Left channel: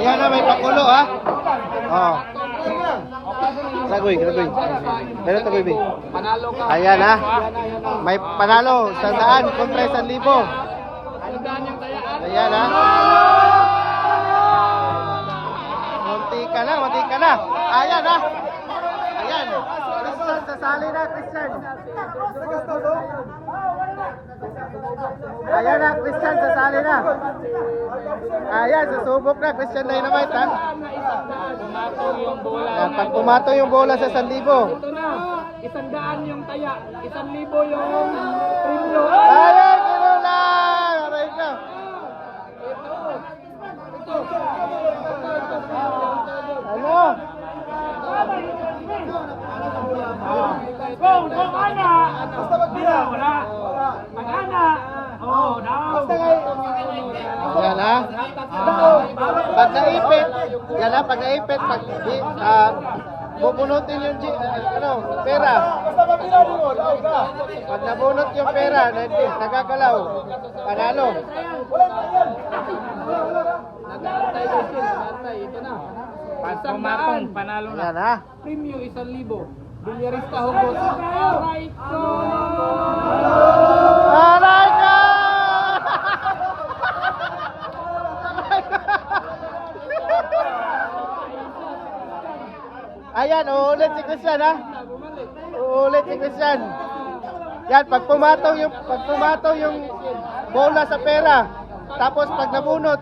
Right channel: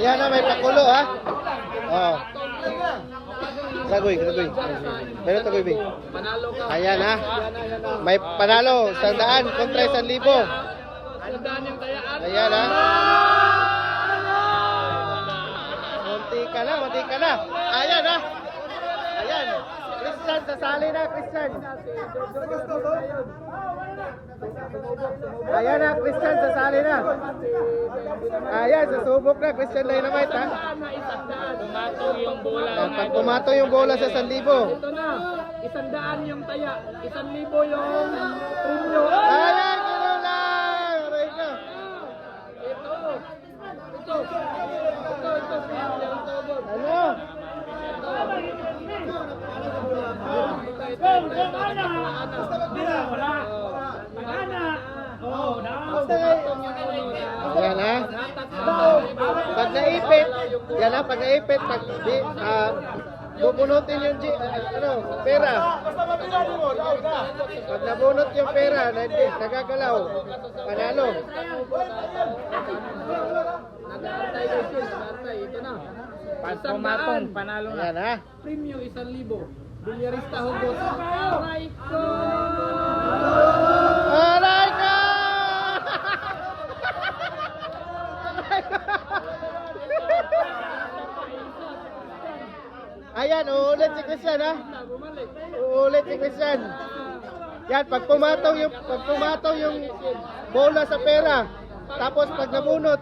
Yan na, may pakulo ha. Oo. Tagoy. Pero tagoy, be. Panalo ka. Ayan ha. May panalo, 100 kontra 1,000. Sandaan yung tayaan. Ayan ha. Munti ka na. Ayan ha. Ayan. Christian, sasali na, Christian. Ayan na, Christian, sasali na. Ayan, susubok na, Christian Dynamite ha. Pumatong yung bola. Ayan, pag pumato yung bola sa 1,000. Ito na. 100 yung taya. 1,000 yung premyo. Ayan, kinulang! Aray ka. Ito. Ano? Kung ana, wala. Ang ana, Ayan ha. Pag naipit, yan ha, pag naipit, bubunutin yung pera. Pag nabunot yung pera, nagagalaw, panalo. Nag-aantay guys yun. Nag-aantay. Ito na. Pumatong, panalo na. Ayan ha. Premyo 1,000. Bilyarista Hugos. Aray ko! Aray ka! Ayan, uulit si Christian ha. Uulit si Christian. Yan, pag pumatong yung bola sa pera, tapos pag nabunot,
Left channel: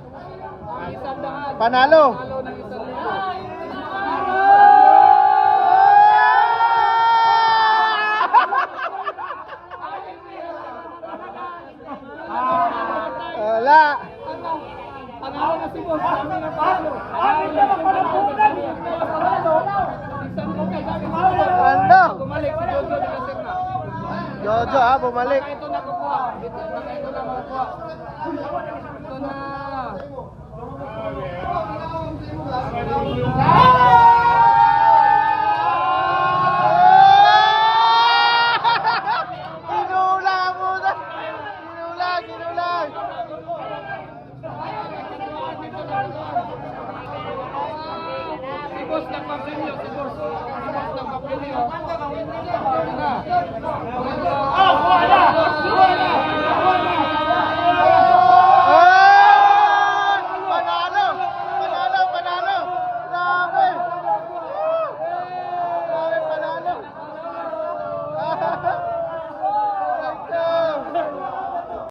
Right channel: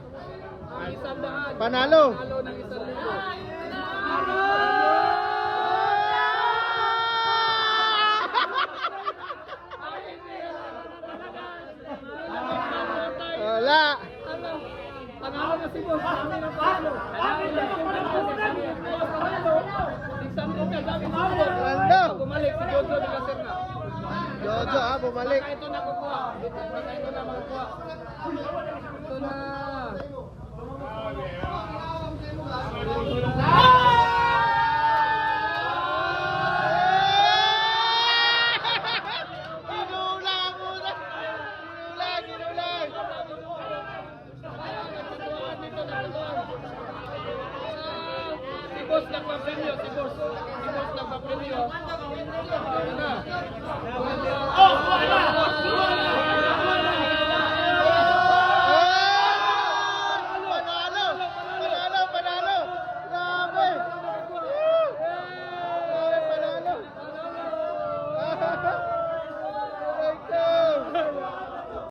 panalo. Panalo ng 1,000. Wala. Panalo na si Boss. Kami na panalo. Ano? Bumalik si Jojo de la Serna. Jojo ha, bumalik. Ito na kukuha. Ito na makukuha. Ito na. Ginulang muna. Ginulang. Si Boss nagpapremyo. Si Boss nagpapremyo. Ito na.